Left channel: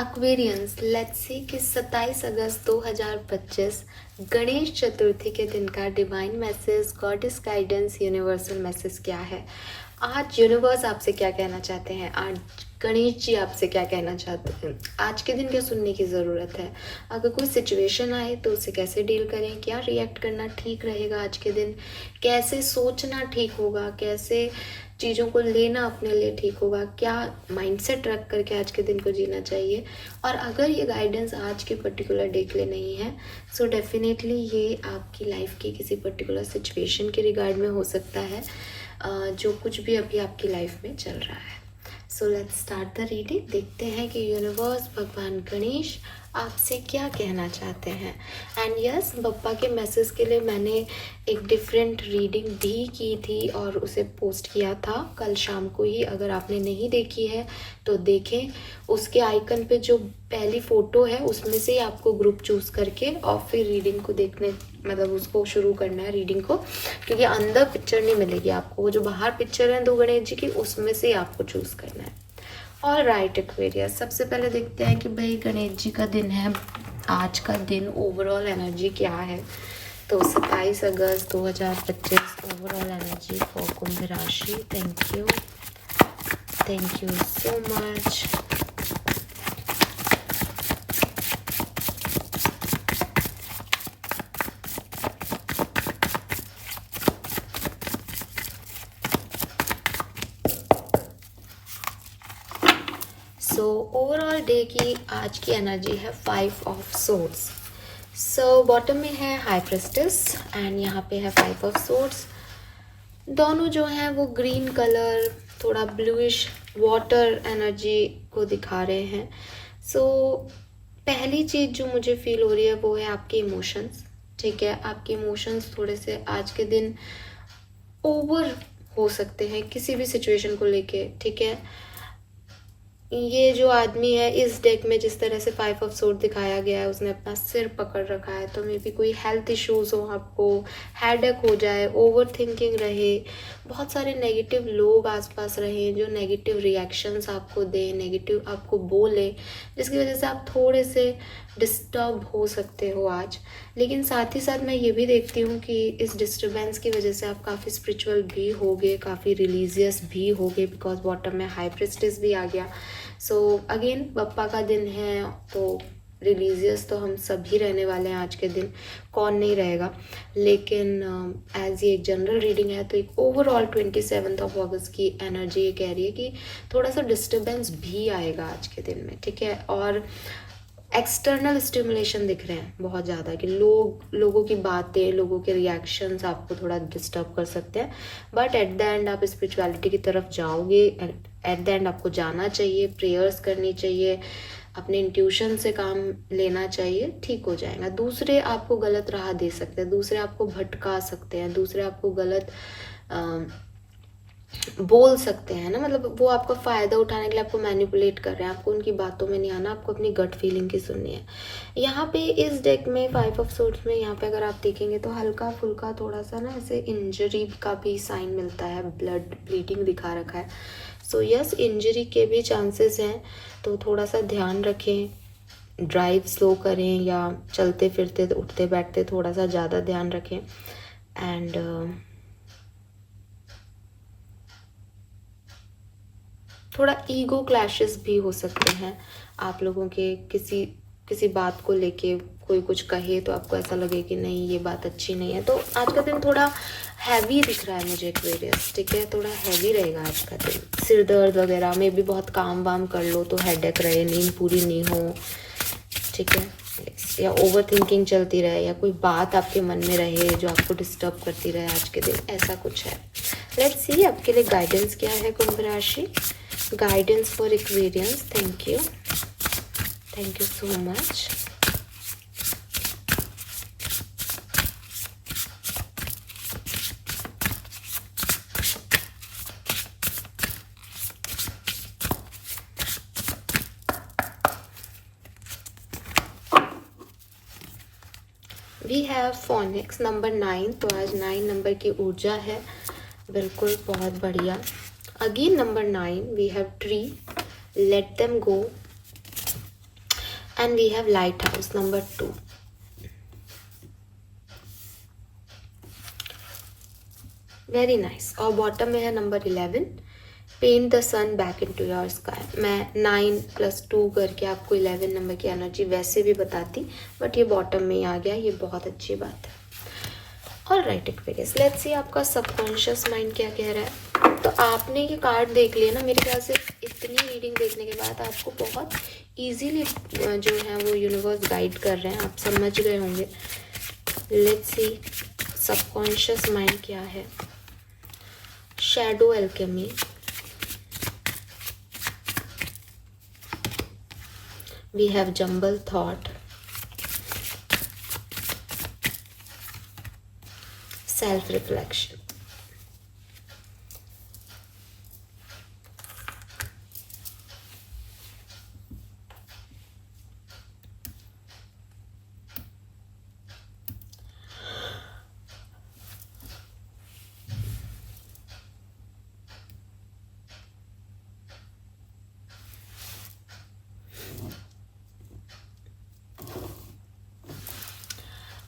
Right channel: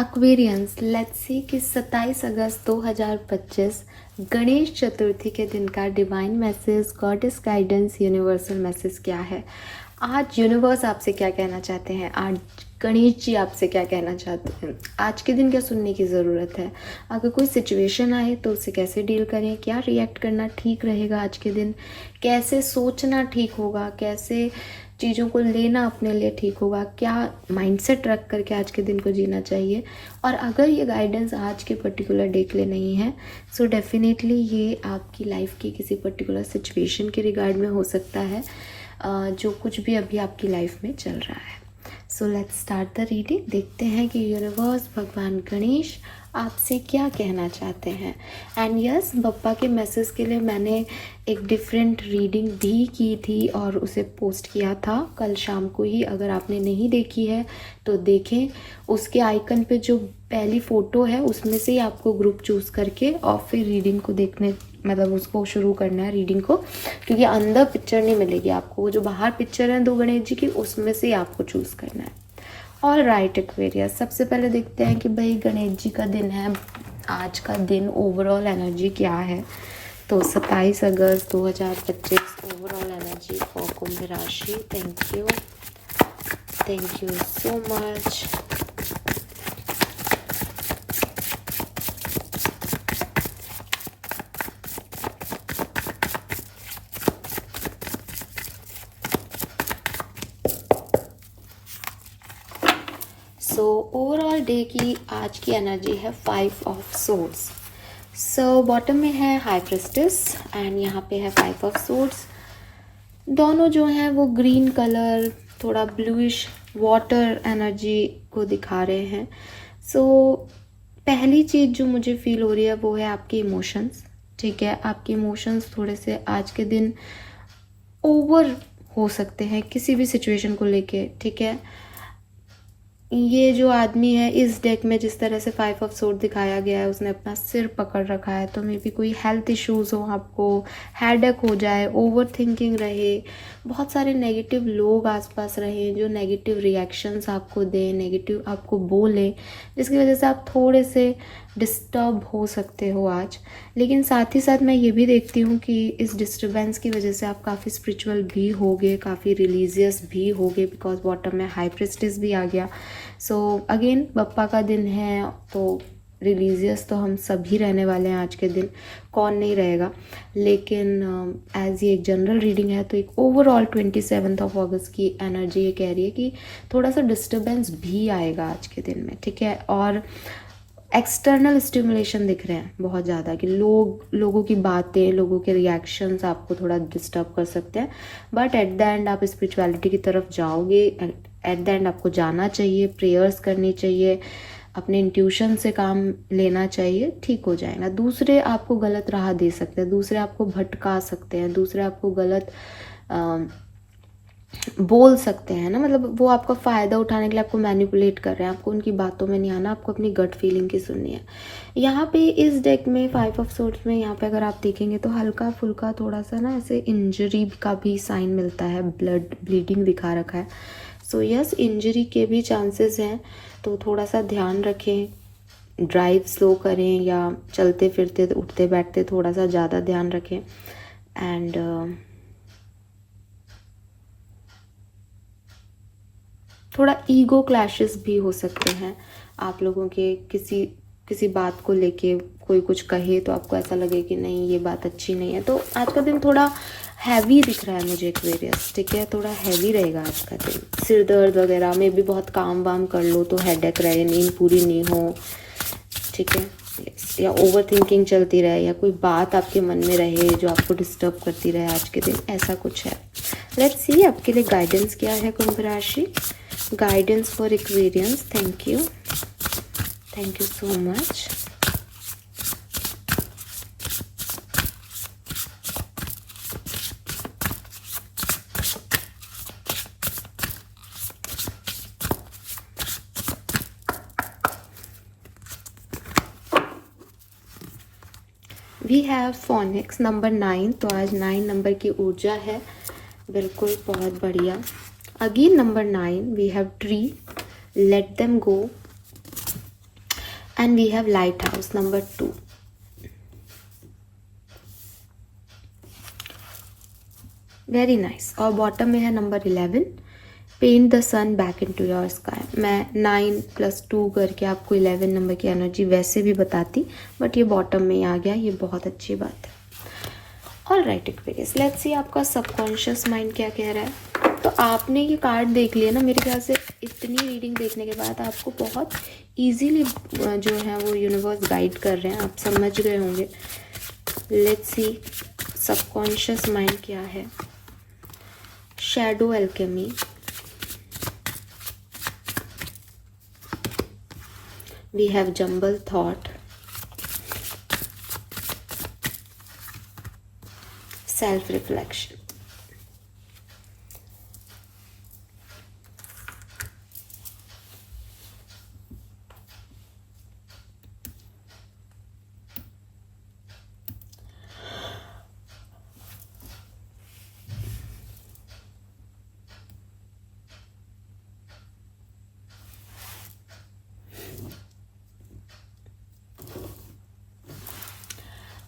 Aquarians, let's see कि 27 अगस्त 2025 गणेश चतुर्थी के दिन का divine message, goddess guidance, universal message क्या है। आज यूनिवर्स आपसे क्या कहना चाहते हैं, आज गणेश जी आपसे क्या कहना चाहते हैं, आज के दिन क्या सुनने की ज़रूरत है। अगर कोई सिचुएशन आए तो उसे कैसे डील करें, क्या रिएक्ट करना ठीक रहेगा आज के दिन, कैसे सोचना ठीक होगा, कैसे चीज़ों को लेना अपने लिए ठीक होगा, क्या माइंडसेट रख करके आज के दिन को जीना चाहिए। और अगर ये गाइडेंस आज के पर्टिकुलर डे के लिए नहीं है, सो डेफिनेटली ये आपकी लाइफ की किसी पर्टिकुलर सिचुएशन के रिगार्ड में हो सकता है, जो कुछ भी अभी आपकी लाइफ में चल रहा है। So let's start the reading. देखते हैं कि यूनिवर्स, भगवान गणेश आपसे क्या कहना चाहते हैं। एंड यस, बप्पा के मैसेज के लिए मैंने एक डिफरेंट रीडिंग भी की थी और उसे पोस्ट किया था कल शाम को ही। अगर आपने नहीं देखी है तो देखें, उसके आइकन पे जो पहली फ़ोटो है उसमें से ही आपको ग्रुप चूज़ करके और फिर रीडिंग को देखने, मतलब उसको शुरू करना है रीडिंग को, क्योंकि अंदर पिक्चर नहीं मिलेगी आपको। वो जो बाहर पिक्चर है 2 गणेश जी की, उसमें से ही आपको चूज़ करना है। ऑल राइट एक्वेरियस, सबसे पहले देखते हैं कि भाई गणेश जी का दिन है, आज का दिन ओवरऑल एनर्जी क्या है। तो 27 अगस्त 2025 ओवरऑल एनर्जी फॉर कुंभ राशि। Thank you so much. So overall day की आज की एनर्जी है 5 ऑफ सोर्ड्स। सो बॉटम में है हाई प्रेस्टिस एंड यहाँ पे है 5 ऑफ सोर्ड्स। दोनों जो हैं वो ग्रीन कलर, थोड़ा ब्लूइश वाटर एनर्जी को दिखा रहे हैं। सो पहली चीज़ जो मुझे फील हो रही है वो है आपके इमोशंस। ठीक है, आपके इमोशंस थोड़े से आज के दिन ओवर हो सकते हैं किसी भी सिचुएशन को लेके। ठीक है, ये जो आदमी है इस डेक में जिस तरह से 5 ऑफ सोर्ड दिखाया गया है, उसने अपना सिर पकड़ रखा है। तो मे बी कोई हेल्थ इश्यूज हो, आपको हेडेक हो जाए, ओवर थिंकिंग रहे, बहुत सारे नेगेटिव लोग आसपास रहे जो नेगेटिव रिएक्शंस आपको दें, नेगेटिव आपको बोले, जिसकी वजह से आप थोड़े से डिस्टर्ब हो सकते हो आज। लेकिन साथ ही साथ मैं ये भी देखती हूँ कि इस डिस्टर्बेंस की वजह से आप काफ़ी स्पिरिचुअल भी होगे, काफ़ी रिलीजियस भी होगे, बिकॉज बॉटम में हाई प्रेस्टिस भी आ गया। सो अगेन बप्पा का दिन है तो रिलीजियस तो हम सभी रहने वाले हैं आज के दिन, कौन नहीं रहेगा। लेकिन एज ये एक जनरल रीडिंग है तो एक ओवरऑल 27 ऑफ अगस्त की एनर्जी ये कह रही है कि थोड़ा सा डिस्टर्बेंस भी आएगा आज के दिन में। ठीक है, और एक्सटर्नल स्टिमुलेशन दिख रहे हैं बहुत ज़्यादा कि लोगों की बातें, लोगों के रिएक्शंस आपको थोड़ा डिस्टर्ब कर सकते हैं। बट एट द एंड आप स्पिरिचुअलिटी की तरफ जाओगे, एट द एंड आपको जाना चाहिए, प्रेयर्स करनी चाहिए, अपने इंट्यूशन से काम लेना चाहिए, ठीक हो जाएगा। दूसरे आपको गलत राह दे सकते हैं, दूसरे आपको भटका सकते हैं, दूसरे आपको गलत बोल सकते हैं ना, मतलब वो आपका फ़ायदा उठाने के लिए आपको मैनिपुलेट कर रहे हैं। आपको उनकी बातों में नहीं आना, आपको अपनी गट फीलिंग की सुननी है। यहाँ पे इस डेक में 5 ऑफ सोर्ड्स में यहाँ पे अगर आप देखेंगे तो हल्का फुल्का थोड़ा सा ना ऐसे इंजरी का भी साइन मिलता है, ब्लीडिंग दिखा रखा है। सो यस, इंजरी के भी चांसेस हैं, तो थोड़ा सा ध्यान रखें। ड्राइव स्लो करें या चलते फिरते उठते बैठते थोड़ा सा ज़्यादा ध्यान रखें। एंड थोड़ा ईगो क्लैशेस भी हो सकते हैं आप लोगों के, किसी बात को लेके कोई कुछ कहे तो आपको ऐसा लगे कि नहीं ये बात अच्छी नहीं है। तो आज का दिन थोड़ा हैवी दिख रहा है मुझे एक्वेरियस। ठीक है, थोड़ा हैवी रहेगा आज का दिन, सिर दर्द वगैरह में भी बहुत काम वाम कर लो तो हेडेक रहे, नींद पूरी नहीं हो। ठीक है, या ओवर थिंकिंग चलती रहे, या कोई बात आपके मन में रहे जो आपको डिस्टर्ब करती रहे आज के दिन, ऐसा कुछ है। लेट्स सी आपके लिए गाइडेंस क्या है कुंभ राशि। Guidance for Aquarians. Thank you so much. We have phoenix number 9, तो आज 9 नंबर की ऊर्जा है, बिल्कुल बहुत बढ़िया। Again number 9 we have tree, let them go, and we have lighthouse number 2. Very nice. और बॉटम में है number 11, paint the sun back into your sky. मैं 9+2 करके आपको 11 नंबर की एनर्जी वैसे भी बताती, बट ये बॉटम में ही आ गया, ये बहुत अच्छी बात है. All right Aquarius, let's see आपका सबकॉन्शियस माइंड क्या कह रहा है. तो आपने ये कार्ड देख लिया ना. मेरे ख्याल से इतनी रीडिंग देखने के बाद आपको बहुत इजीली जो है वो यूनिवर्स गाइड कर रहे हैं, आप समझ गए होंगे. लेट्स सी सबकॉन्शियस माइंड क्या है. Shadow alchemy, we have jumble thought, self reflection.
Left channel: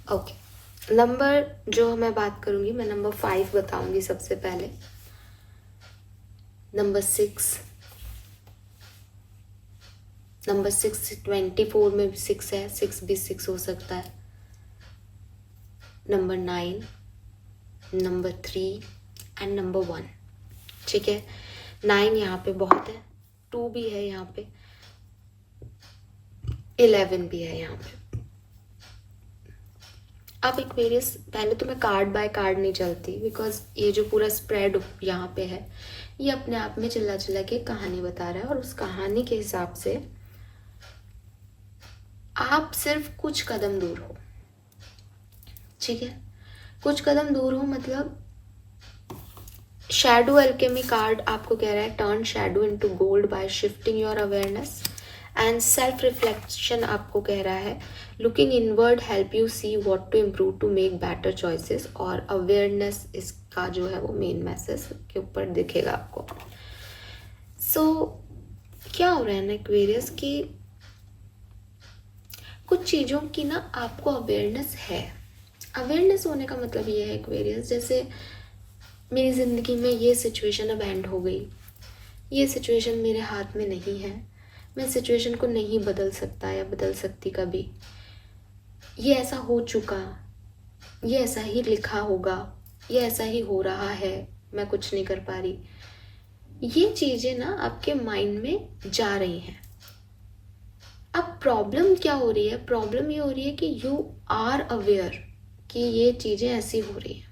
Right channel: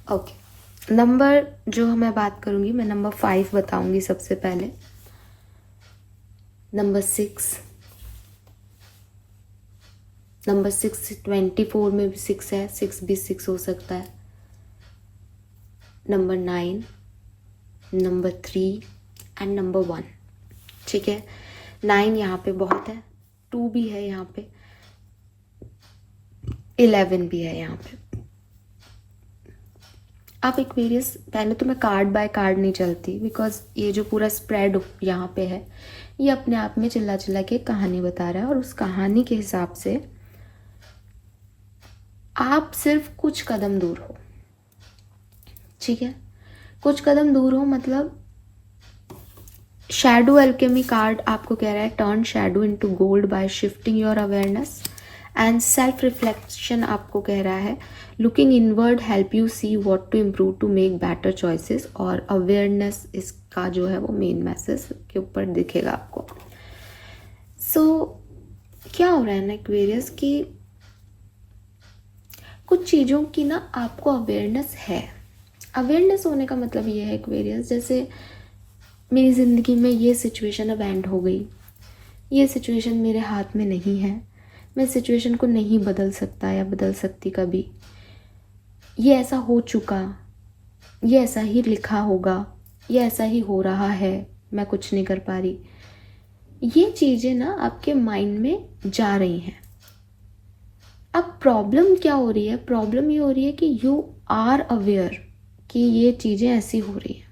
Okay, number जो मैं बात करूंगी, मैं नंबर 5 बताऊंगी सबसे पहले. नंबर 6, नंबर 6 24 में भी 6 है, 6 भी 6 हो सकता है. Number 9, number 3 and number 1. ठीक है, 9 यहाँ पे बहुत है, 2 भी है यहाँ पे, 11 भी है यहाँ पे. आप एक्वेरियस, पहले तो मैं कार्ड बाय कार्ड नहीं चलती, बिकॉज ये जो पूरा स्प्रेड यहाँ पे है ये अपने आप में चिल्ला चिल्ला के कहानी बता रहा है, और उस कहानी के हिसाब से आप सिर्फ कुछ कदम दूर हो. ठीक है, कुछ कदम दूर हो मतलब शैडो एल्केमी कार्ड आपको कह रहा है turn shadow into gold by shifting your awareness. And self reflection आपको कह रहा है looking inward help you see what to improve to make better choices. और अवेयरनेस इसका जो है वो मेन मैसेज के ऊपर दिखेगा आपको. सो क्या हो रहा है ना एक्वेरियस कि कुछ चीज़ों की ना आपको अवेयरनेस है. अवेयरनेस होने का मतलब ये है एक्वेरियस, जैसे मेरी ज़िंदगी में ये सिचुएशन अब एंड हो गई, ये सिचुएशन मेरे हाथ में नहीं है, मैं सिचुएशन को नहीं बदल सकता या बदल सकती कभी, ये ऐसा हो चुका, ये ऐसा ही लिखा होगा, ये ऐसा ही हो रहा है, मैं कुछ नहीं कर पा रही. ये चीज़ें ना आपके माइंड में जा रही हैं. अब प्रॉब्लम क्या हो रही है, प्रॉब्लम ये हो रही है कि यू आर अवेयर कि ये चीज़ें ऐसी हो रही है.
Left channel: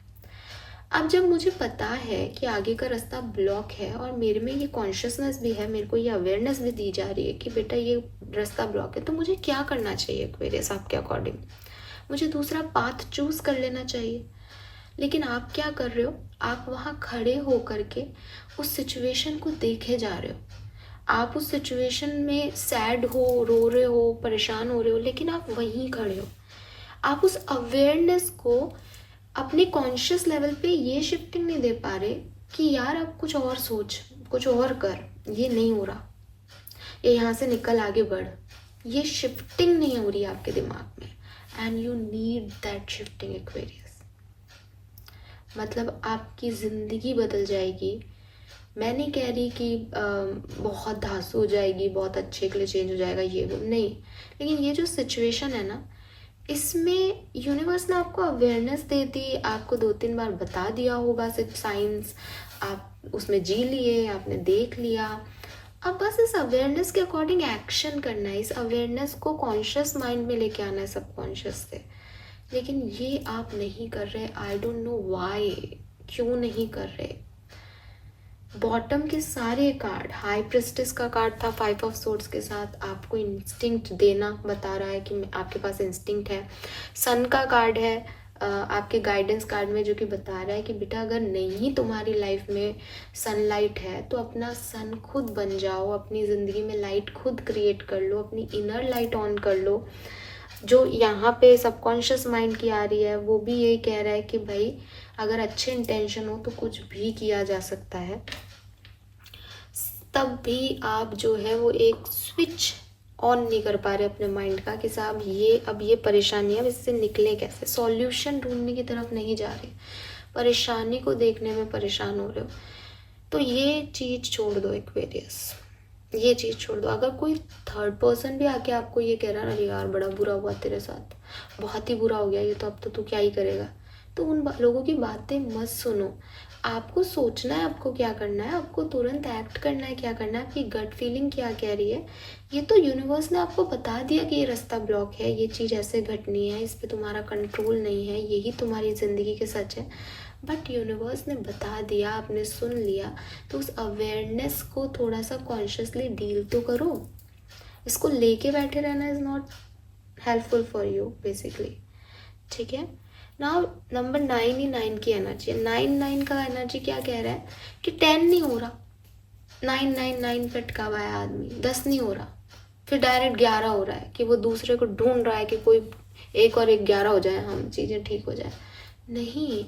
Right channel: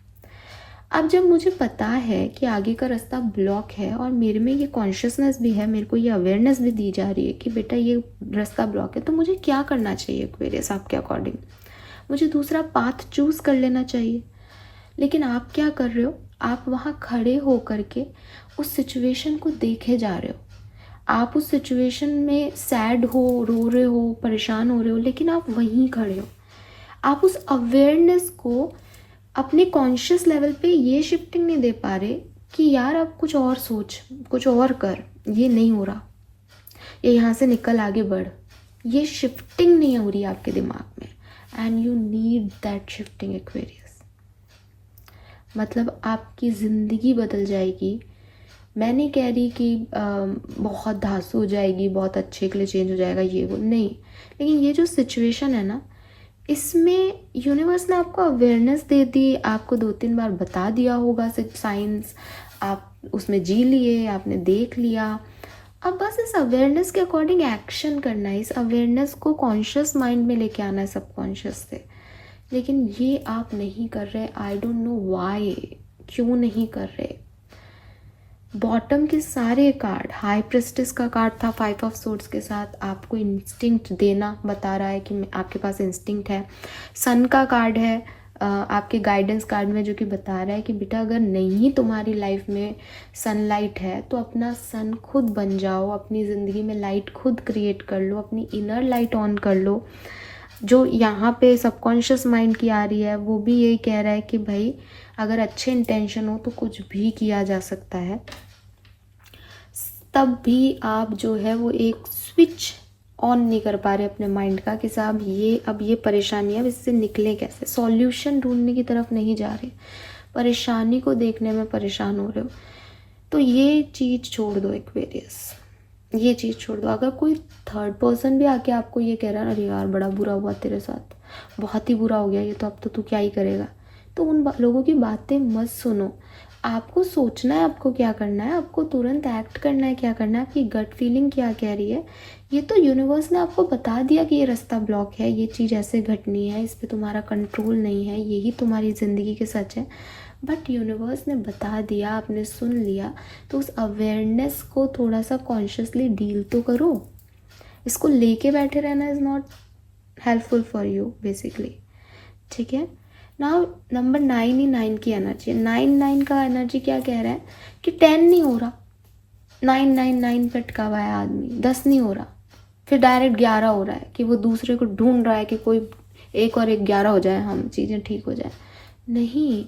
अब जब मुझे पता है कि आगे का रास्ता ब्लॉक है और मेरे में ये कॉन्शियसनेस भी है, मेरे को ये अवेयरनेस भी दी जा रही है कि बेटा ये रास्ता ब्लॉक है, तो मुझे क्या करना चाहिए एक्वेरियस आपके अकॉर्डिंग. मुझे दूसरा पाथ चूज़ कर लेना चाहिए. लेकिन आप क्या कर रहे हो, आप वहाँ खड़े हो करके उस सिचुएशन को देखे जा रहे हो. आप उस सिचुएशन में सैड हो, रो रहे हो, परेशान हो रहे हो, लेकिन आप वहीं खड़े हो. आप उस अवेयरनेस को अपने कॉन्शियस लेवल पे ये शिफ्टिंग नहीं दे पा रहे कि यार अब कुछ और सोच, कुछ और कर, ये नहीं हो रहा, ये यहाँ से निकल आगे बढ़. ये शिफ्टिंग नहीं हो रही आपके दिमाग में, and you need that shifting Aquarius. मतलब आपकी ज़िंदगी बदल जाएगी. मैं नहीं कह रही कि बहुत धांसू हो जाएगी, बहुत अच्छे के लिए चेंज हो जाएगा, ये वो नहीं. लेकिन ये जो सिचुएशन है ना, इसमें यूनिवर्स ने आपको अवेयरनेस दे दी, आपको 2-3 बार बता दिया होगा सिर्फ साइंस, आप उसमें जी लिए, आपने देख लिया. अब बस इस अवेयरनेस के अकॉर्डिंग एक्शन करना है, इस अवेयरनेस को कॉन्शियस माइंड में लेके आना है सबकॉन्शियस से. लेकिन ये आप नहीं कर रहे. आई डोंट नो व्हाई, क्यों नहीं कर रहे. बॉटम के सारे कार्ड, हाई प्रेस्टिस का कार्ड था 5 ऑफ सोर्ड्स के साथ, आपको इंस्टिंक्ट देना बता रहा है कि आपके पास इंस्टिंक्ट है. सन का कार्ड है आपके गाइडेंस कार्ड में, जो कि बता रहा है कि बेटा अगर नहीं तुम्हारी लाइफ में सनलाइट है तो अपना सन खुद बन जाओ, अपनी ज़िंदगी में लाइट खुद क्रिएट कर लो, अपनी इनर लाइट ऑन कर लो. जो यहाँ पे सबकॉन्शियस माइंड की आ रही है वो भी यही कह रहा है कि भाई अगर अच्छे इंटेंशन हो तो कुछ भी किया जा सकता है. तब भी आप जो है वो एक स्विच ऑन नहीं कर पा रहे अपने माइंड का कि साहब ये अब ये परेशानी है, अब इससे निकले कैसे, सॉल्यूशन ढूंढने की तरफ नहीं जा रहे, परेशानी को देखने में परेशान हो रहे हो, तो ये चीज़ छोड़ दो एक्वेरियस, ये चीज़ छोड़ दो। अगर कोई थर्ड पर्सन भी आके आपको ये कह रहा है अरे यार बड़ा बुरा हुआ तेरे साथ, बहुत ही बुरा हो गया ये, तो अब तो तू क्या ही करेगा, तो उन लोगों की बातें मत सुनो। आपको सोचना है आपको क्या करना है, आपको तुरंत एक्ट करना है, क्या करना है, आपकी गट फीलिंग क्या कह रही है। ये तो यूनिवर्स ने आपको बता दिया कि ये रास्ता ब्लॉक है, ये चीज़ ऐसे घटनी है, इस पर तुम्हारा कंट्रोल नहीं है, यही तुम्हारी ज़िंदगी के सच है। बट यूनिवर्स ने बता दिया, आपने सुन लिया, तो उस अवेयरनेस को थोड़ा सा कॉन्शियसली डील तो करो। इसको लेके बैठे रहना is not helpful for you basically, ठीक है। नाउ नंबर 9 ही 9 की एनर्जी, 9 का एनर्जी क्या कह रहा है कि 10 नहीं हो रहा, 9 पे अटका हुआ है आदमी, 10 नहीं हो रहा, फिर डायरेक्ट 11 हो रहा है कि वो दूसरे को ढूंढ रहा है कि कोई 1 और 1 11 हो जाए, हम चीज़ें ठीक हो जाए। नहीं,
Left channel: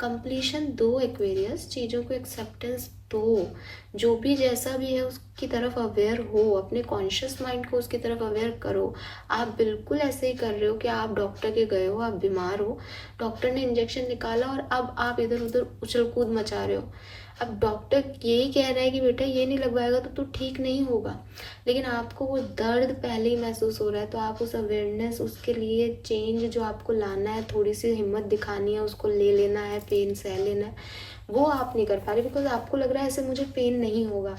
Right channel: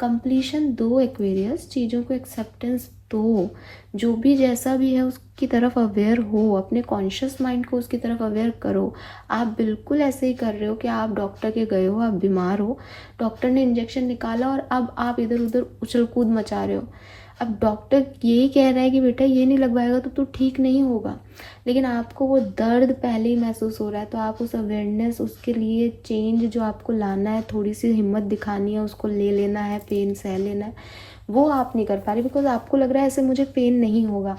कंप्लीशन दो एक्वेरियस, चीज़ों को एक्सेप्टेंस दो, जो भी जैसा भी है उसकी तरफ अवेयर हो, अपने कॉन्शियस माइंड को उसकी तरफ अवेयर करो। आप बिल्कुल ऐसे ही कर रहे हो कि आप डॉक्टर के गए हो, आप बीमार हो, डॉक्टर ने इंजेक्शन निकाला और अब आप इधर उधर उछल कूद मचा रहे हो। अब डॉक्टर यही कह रहा है कि बेटा ये नहीं लगवाएगा तो तू ठीक नहीं होगा, लेकिन आपको वो दर्द पहले ही महसूस हो रहा है, तो आप उस अवेयरनेस, उसके लिए चेंज जो आपको लाना है, थोड़ी सी हिम्मत दिखानी है, उसको ले लेना है, पेन सह लेना है, वो आप नहीं कर पा रहे बिकॉज आपको लग रहा है ऐसे मुझे पेन नहीं होगा।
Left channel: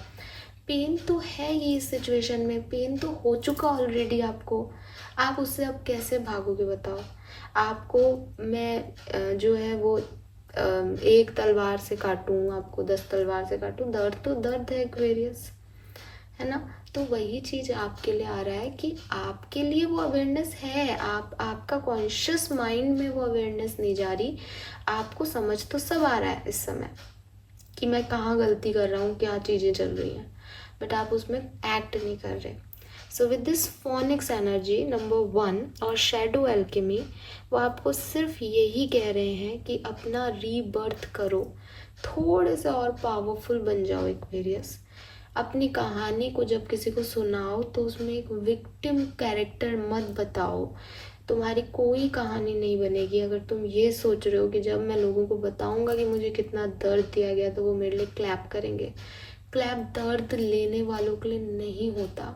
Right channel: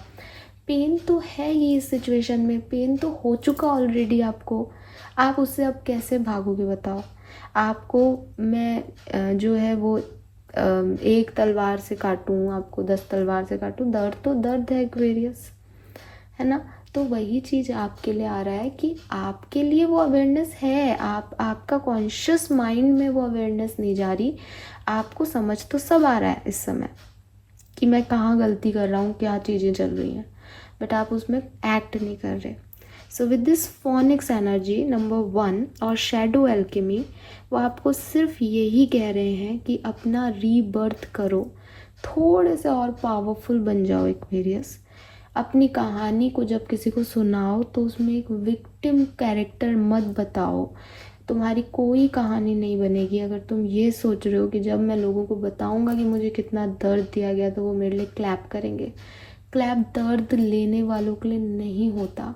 पेन तो है ही इस सिचुएशन में, पेन तो हो चुका ऑलरेडी आपको, आप उससे अब कैसे भागोगे बताओ। आपको मैं जो है वो एक तलवार से काटूँ, आपको 10 तलवार से काटूँ, दर्द तो दर्द है एक्वेरियस, है ना। तो वही चीज़ आपके लिए आ रहा है कि आपके लिए वो अवेयरनेस है, आपका कॉन्शियस माइंड में वो अवेयरनेस नहीं जा रही, आपको समझ तो सब आ रहा है इस समय कि मैं कहाँ गलती कर रहा हूँ, क्या चीज़ें चल रही हैं, बट आप उसमें एक्ट नहीं कर रहे। So with this phoenix energy number 1 और शैडो एल्केमी, वो आपको सिर्फ यही कह रहे हैं कि अपना रीबर्थ करो, थोड़े से और पावरफुल बन जाओ एक्वेरियस। अपनी कहानी को जब किसी को सुनाओ तो उसमें एक विक्टिम कैरेक्टर मत बताओ, तुम्हारी कोई कहानी नहीं बनेगी अगर तुम ये सोच रहे हो कि जब मैं लोगों को बताऊंगा कि मुझे कितना दर्द दिया गया तो वो मेरे लिए क्लैप करेंगे। क्लैप दर्द लेने वालों के लिए नहीं होता,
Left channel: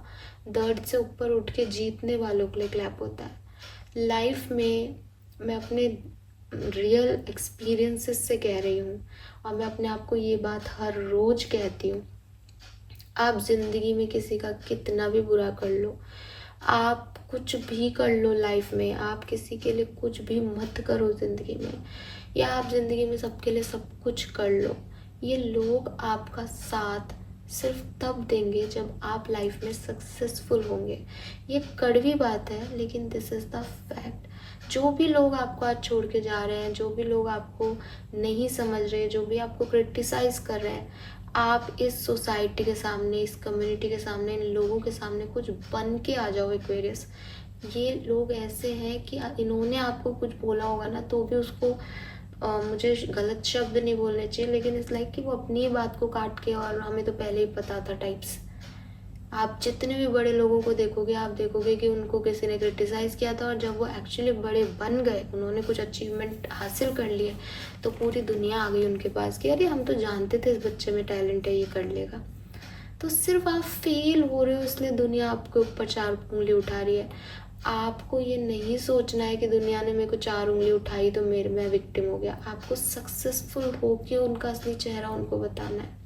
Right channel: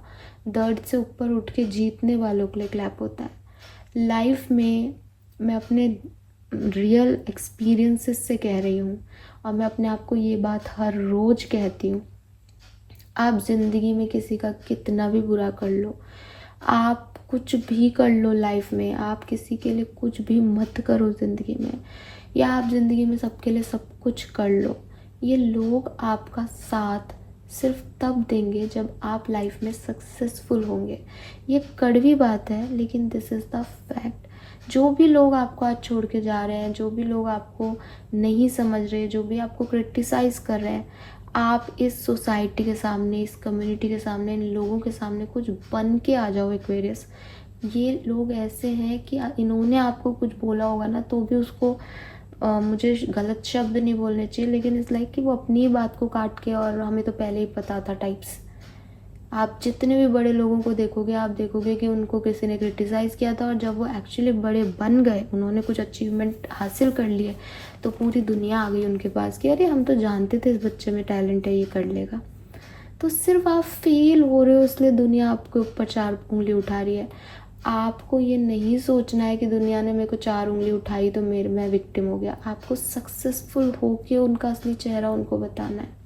दर्द से ऊपर उठ के जीतने वालों के लिए क्लैप होता है। लाइफ में मैं अपने रियल एक्सपीरियंसेस से कह रही हूँ, और मैं अपने आप को ये बात हर रोज़ कहती हूँ, आप ज़िंदगी में किसी का कितना भी बुरा कर लो, आप कुछ भी कर लो लाइफ में, आप किसी के लिए कुछ भी मत करो ज़िंदगी में, या आप ज़िंदगी में सबके लिए सब कुछ कर लो, ये लोग आपका साथ सिर्फ तब देंगे जब आप लाइफ में सक्सेसफुल होंगे। ये कड़वी बात है लेकिन दिस इज़ द फैक्ट। जो भी लोग आपको आज छोड़ के जा रहे हैं, जो भी लोग आपको नहीं समझ रहे, जो भी आपको क्रिटिसाइज़ कर रहे हैं, आप इस सोसाइटी के सामने, इस कम्युनिटी के सामने, इन लोगों के सामने कुछ बन के आ जाओ एक्वेरियस। ये लोग ऐसे हैं कि इन्होंने आपको कुछ बोला होगा ना तो भी उसको मुझे गलत शब्द नहीं बोलने चाहिए, लेकिन इस लाइक कि वो अपनी ही बात को काट के, और हमें तो पहले ही पता था टाइप्स। आप जितने भी बड़े लोगों को देखोगे, आप देखोगे कि उनको किसी ने क्रिटिसाइज़ किया था, और जब वो एक्चुअली बड़े बन गए, उन्होंने कुछ अचीवमेंट हासिल कर लिए, तो पूरी दुनिया आ गई उनके पास कि अरे हम तो जानते थे इस बच्चे में टैलेंट है, ये कर लेगा। तो सिर्फ आप फेल हो रहे हो इसलिए दुनिया आपके ऊपर 4 उंगली उठा रही है। आपको ये नहीं सोचना है कि दुनिया ने मेरे को 4 उंगली उठाई तो मैं विक्टिम हो गया। आपको सक्सेसफुल होके उनका असली चेहरा उनको बताना है।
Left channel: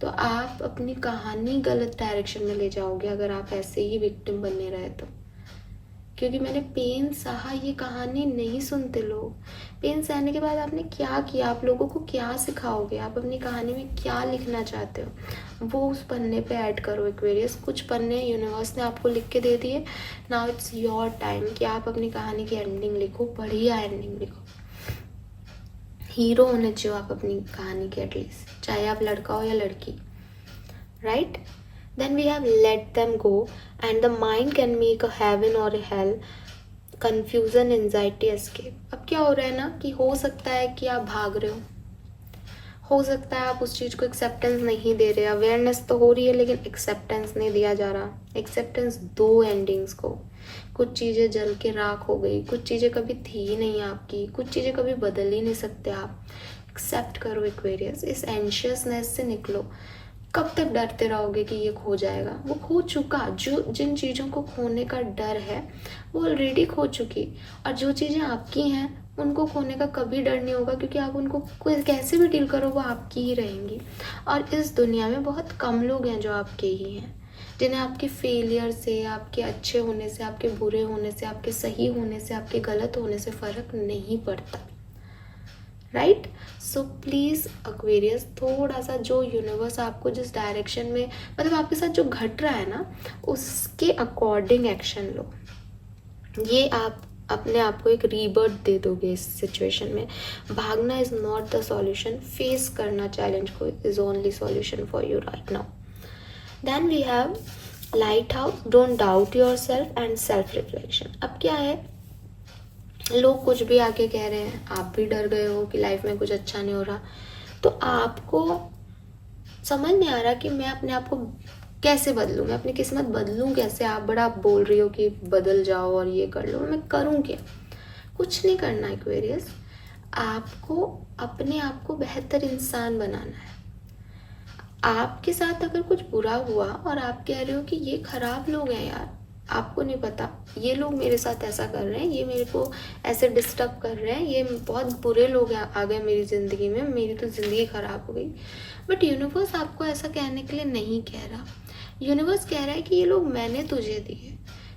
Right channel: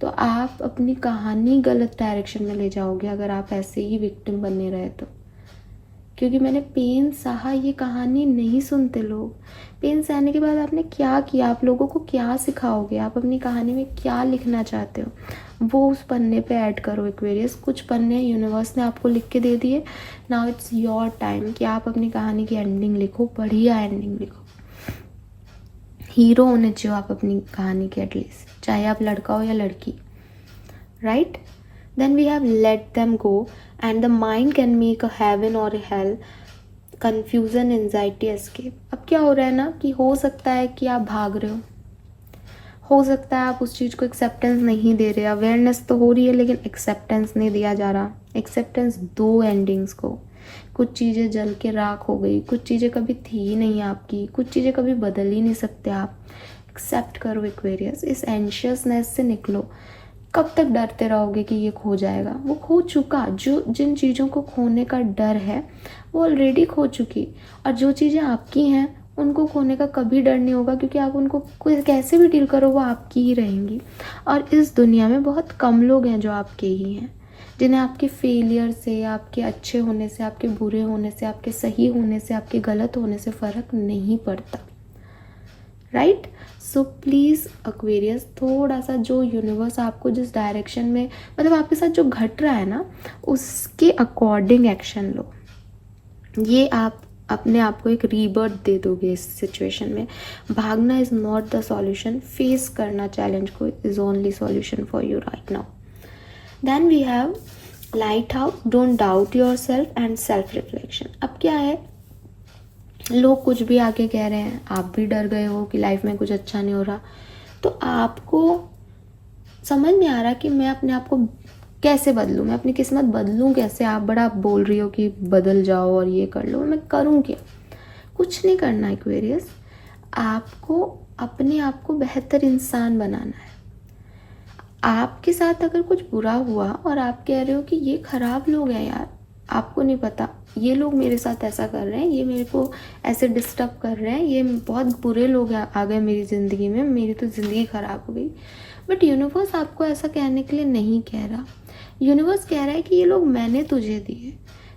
तो आप अपनी कहानी गलत डायरेक्शन में ले जाओगे अगर आप ऐसे ही विक्टिम बने रहे तो, क्योंकि मैंने पेन सहा, ये कहानी नहीं सुनते लोग। पेन सहने के बाद आपने क्या किया, आप लोगों को क्या सिखाओगे, आप अपनी कहानी में क्या लिखना चाहते हो, वो उस पन्ने पे ऐड करो एक्वेरियस। कुछ पन्ने यूनिवर्स ने आपको लिख के दे दिए, नाउ इट्स योर टाइम कि आप अपनी कहानी की एंडिंग लिखो, बढ़िया एंडिंग लिखो। हीरो होने चाहिए आप अपनी कहानी के एटलीस्ट, चाहे आप लड़का हो या लड़की, right. Then we have let them go and the mind can make a heaven or a hell, confusion, anxiety, escape। अब क्या हो रहा है ना कि हो सकता है कि आप भाग रहे हो सकता है आप उस चीज़ को एक्सेप्टेंस नहीं दे रहे, अवेयरनेस तो हो रही है लेकिन एक्सेप्टेंस नहीं दिया जा रहा। एक्सेप्टेंस दो एंडिंग्स को, कुछ चीज़ें जल के राख हो गई, कुछ चीज़ें कभी थी ही नहीं आपकी, कुछ चीज़ें कभी बदल ही नहीं सकते आप। एक्सेप्ट करो एक्वेरियस, इस एंशियसनेस से निकलो। कब तक डरते रहोगे कि ये खो जाएगा? वो खो चुका। जो जिन चीज़ों को खोने का डर है वो ऑलरेडी खो चुकी, और जो चीज़ें आपकी हैं उनको खोने का कभी डर नहीं होगा, क्योंकि आप उनको कोई कैसे भी डील करो वो आपकी ही रहेंगी। और इस दुनिया में बहुत कम लोग हैं जो आपके ही हैं, जिन्हें आपके फेलियर से, आपके अच्छे होने से, आपके बुरे होने से, आपके सही होने से, आपके गलत होने से फ़र्क नहीं पड़ता। राइट? सो प्लीज़ एक्वेरियस, थोड़ा सा जो यूनिवर्स आपको जिस डायरेक्शन में, मतलब आपके साथ जो घट रहा है ना, उसके अकॉर्डिंग एक्शन लो। ये आप अपने आप को एक रीबर्थ दे दोगे इस सिचुएशन में। भागना is not the solution, face करना चैलेंज को is only solution for you right now. Then we have light out, don't doubt your self and self reflection. अब क्या है, लोग कुछ भी आके कह रहे हैं, आप भी डर गए हो कि लाइफ में कुछ अच्छा नहीं हो रहा, तो आपको समझ नहीं आ रहा कि मैं अपने आप को कैसे बदलूं, मैं अपनी किस्मत बदलूं कैसे। आप बोल रही हो कि बदल जाओ और ये कर लो, मैं करूं क्या? कुछ नहीं करना एक्वेरियस, आपको अपने आप को बेहतर इंसान बनाना है। आपके साथ अगर कुछ बुरा हुआ और आप कह रहे हो कि ये खराब लोग हैं यार, आपको नहीं पता ये लोग मेरे साथ ऐसा कर रहे हैं, ये मेरे को ऐसे डिस्टर्ब कर रहे हैं, ये बहुत बुरे लोग आ गए मेरी ज़िंदगी में, मेरी तो ज़िंदगी ख़राब हो गई। बट यूनिवर्स आपको ऐसा कहने के लिए नहीं कह रहा। यूनिवर्स कह रहा है कि ये लोग मैंने तुझे दिए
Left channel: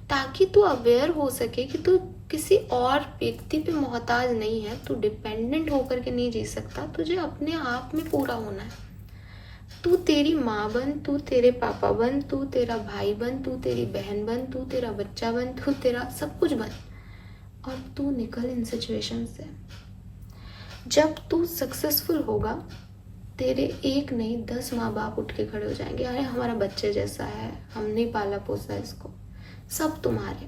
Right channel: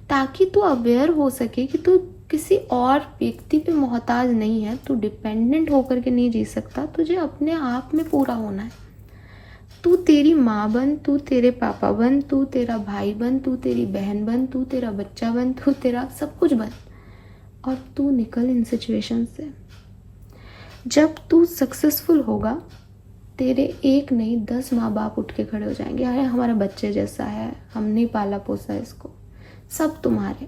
ताकि तू अवेयर हो सके कि तू किसी और व्यक्ति पे मोहताज नहीं है, तू डिपेंडेंट होकर के नहीं जी सकता, तुझे अपने आप में पूरा होना है। तू तेरी माँ बन, तू तेरे पापा बन, तू तेरा भाई बन, तू तेरी बहन बन, तू तेरा बच्चा बन, तू तेरा सब कुछ बन, और तू निकल इन सिचुएशन से। जब तू सक्सेसफुल होगा, तेरे एक नहीं 10 माँ बाप उठ के खड़े हो जाएंगे, अरे हमारा बच्चे जैसा है, हमने पाला पोसा इसको, सब तुम्हारे।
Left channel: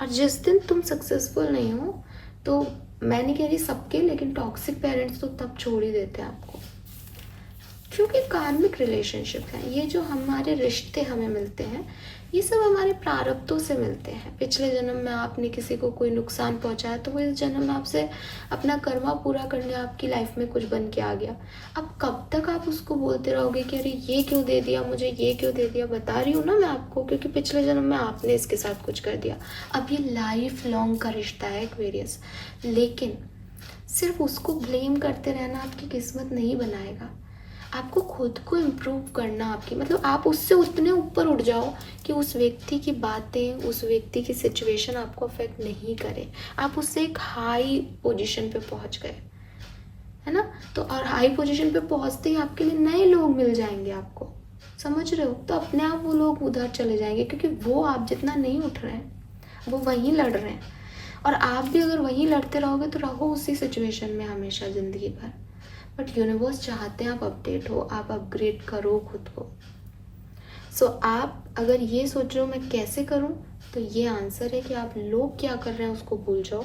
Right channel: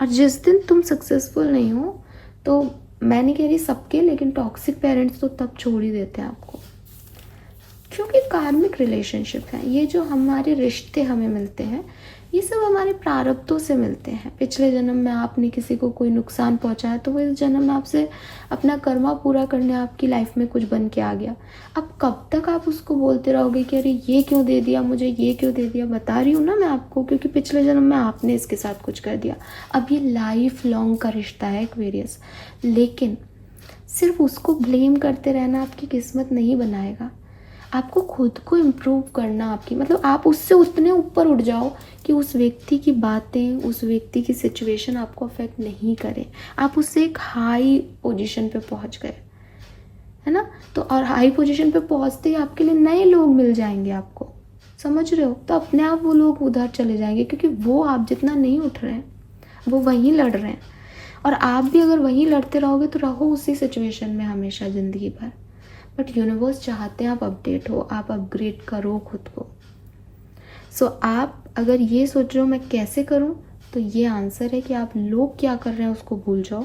और जिस दिन तुम सक्सेसफुल नहीं हो, तो मैं नहीं कह रही सबके, लेकिन टॉक्सिक पेरेंट्स तो तब छोड़ ही देते हैं आपको, क्योंकि कार्मिक रिलेशनशिप है ये। जो हमारे रिश्ते हमें मिलते हैं, ये सब हमारे प्रारब्धों से मिलते हैं। पिछले जन्म में आपने किसी को कोई नुकसान पहुंचाया, तो वो इस जन्म में आपसे अपना कर्मा पूरा करने आपकी लाइफ में कुछ बन के आ गया। अब कब तक आप उसको बोलते रहोगे कि अरे ये क्यों दे दिया मुझे, ये क्यों दे दिया? बता रही हूँ ना मैं आपको, क्योंकि पिछले जन्म में आपने इसके साथ कुछ कर दिया। अब ये लाइफ लॉन्ग का रिश्ता है एक्वेरियस, लेकिन सिर्फ उसको ब्लेम करते रहना आपकी किस्मत नहीं बनाएगा। आपको खुद को इम्प्रूव करना, आपकी मतलब आप उससे उतने ऊपर उठ जाओ कि उस व्यक्ति की बातें, उस व्यक्ति की सिचुएशन आपको अफेक्ट नहीं करे। आप उससे एक हाई पोजीशन पे पहुंच गए, है ना? तो और हाई पोजीशन पे पहुंचते ही आपके लिए नए लोग मिल जाएंगे आपको, समझ रहे हो? तो अपने आप वो लोग उधर चले जाएंगे, क्योंकि वो आप जितना नहीं उठ रहे हैं, वो वहीं लड़ रहे हैं। और आप भी अगर वहीं लड़ते रहोगे तो रहो उसी सिचुएशन में हमेशा ज़िंदगी भर। बट यूनिवर्स चाहते हैं आप अपडेट हो, आप अपग्रेड करो खुद को। सो आप अगर ये सोच रहे हो मैं कैसे करूँ, तो ये आंसर है कि आप लोग क्या कर रहे हैं उसको भूल जाओ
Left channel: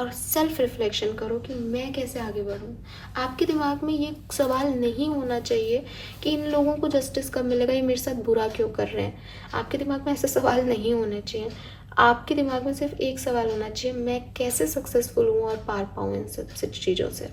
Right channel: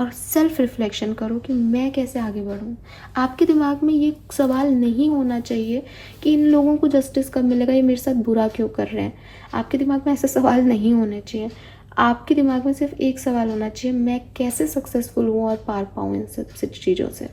और सेल्फ रिफ्लेक्शन करो कि मैं कैसे आगे बढ़ूँ। आपके दिमाग में ये सवाल नहीं होना चाहिए कि इन लोगों को जस्टिस कब मिलेगा, ये मेरे साथ बुरा क्यों कर रहे हैं। आपके दिमाग में ऐसे सवाल नहीं होने चाहिए। आपके दिमाग में सिर्फ एक सवाल होना चाहिए, मैं कैसे सक्सेसफुल हूँ और पार पाऊँ इन सब चीज़ों से।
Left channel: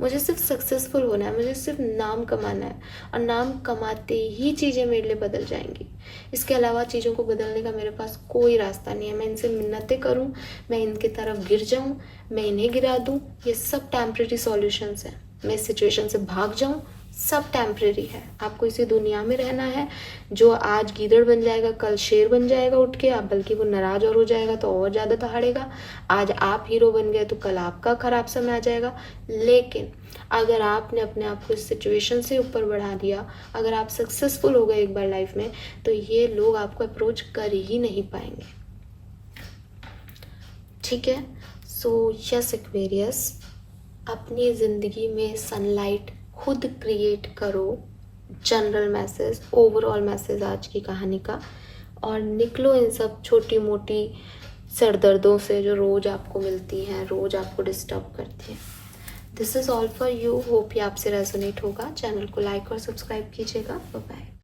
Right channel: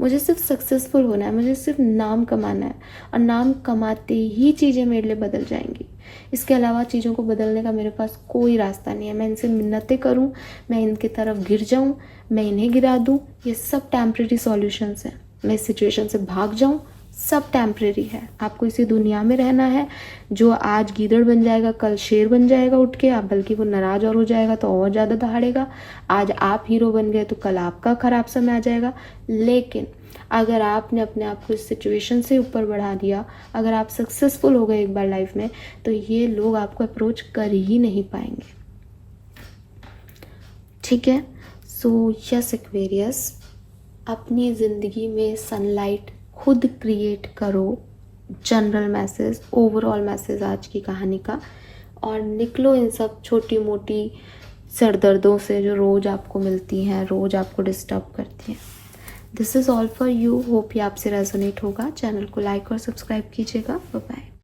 मुझे सिर्फ सक्सेसफुल होना है, मुझे सिर्फ नाम कमाना है, और नाम कमाते ही चीज़ें मेरे लिए बदल जाएंगी। इसके अलावा चीज़ों को बदलने का मेरे पास कोई रास्ता नहीं है। मैं इनसे मिन्नतें करूं, मैं इनकी तरफ गिर जाऊं, मैं इन्हें गिरा दूं, ये सब टेम्प्रेरी सॉल्यूशंस हैं। मैं इस सिचुएशन से भाग जाऊं, सब टेम्प्रेरी है। आपको इसी दुनिया में रहना है। जो आज गीदड़ बन जाएगा कल शेर बन जाएगा उठ के, आप बल्कि वो नाराज और हो जाएगा तो और ज़्यादा दहाड़ेगा। आज आप हीरो बन गए तो कल आपका खराब समय आ जाएगा। लेकिन अगर आपने अपने आप को इस सिचुएशन से ऊपर बढ़ा दिया, अगर आप सक्सेसफुल हो गए एक बार लाइफ में, तो ये लोग आपको अप्रोच कर ही नहीं पाएंगे। ठीक है? सो यस एक्वेरियस, अपनी ज़िंदगी में सनलाइट खुद क्रिएट करो। जनरल मैसेज, ओवरऑल मैसेज आज की कहानी का, और निकलो इन सब छोटी मोटी सरदर्दों से जो रोज़ आपको मिलती हैं, रोज़ आपको डिस्टर्ब करती हैं। This is all for you. Hope ये आपसे रेजोनेट होगा। चैनल को लाइक और सब्सक्राइब कीजिएगा। Bye bye.